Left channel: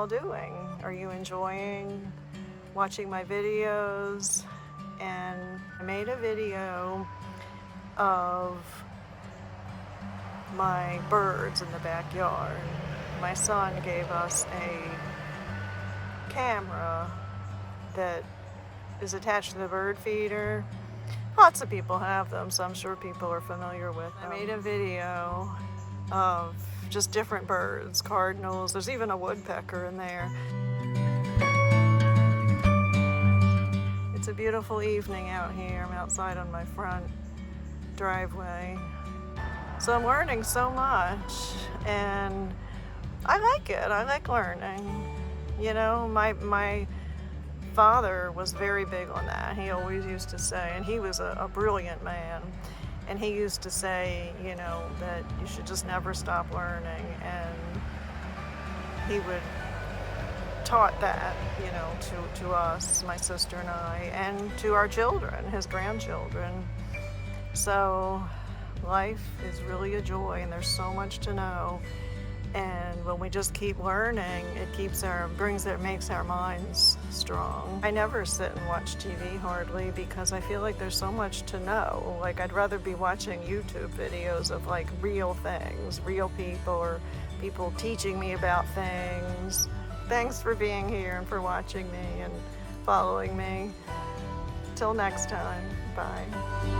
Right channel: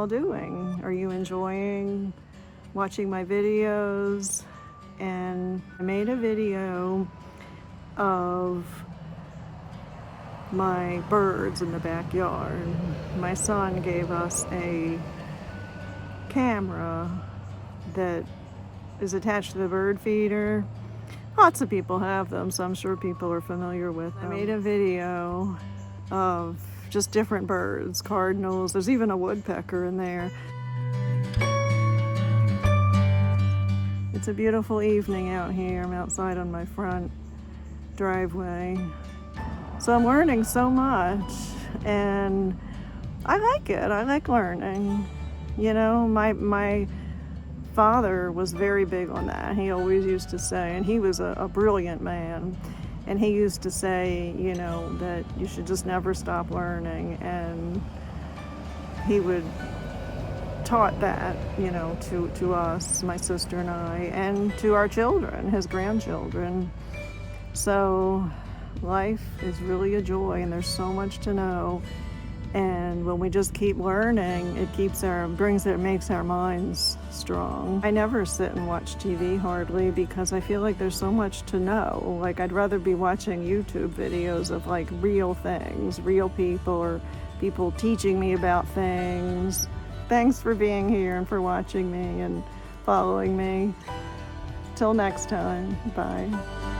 all doing? Are you enjoying watching my videos? And I made a video of my birds in the backyard. My son gave us a camera that is attached to the bird feeder. Lots of people have them, so I'm sure people are familiar with them. I made a video of just different birds, cardinals, there's even a woodpecker in there. It's a beautiful evening out here. I'm outside on my front driveway. So I'm learning so much, and I like it. I like learning. You know, my father was very big on that. He always used to say, and he was a brilliant man, and he used to say, you know, that you should just never stop learning, and he would taught that, you know, to us, my sister and I, and to our children, his grandchildren. So life is really a joy, and there's so much to know. And when we just keep learning, it makes our minds strong. I never sit and watch TV hardly because I feel like there's so much to know. Like, I'd rather be watching YouTube videos of like real things, real people, or people teaching me about things. Thanks for being here and for watching me and following me. Till next time, bye.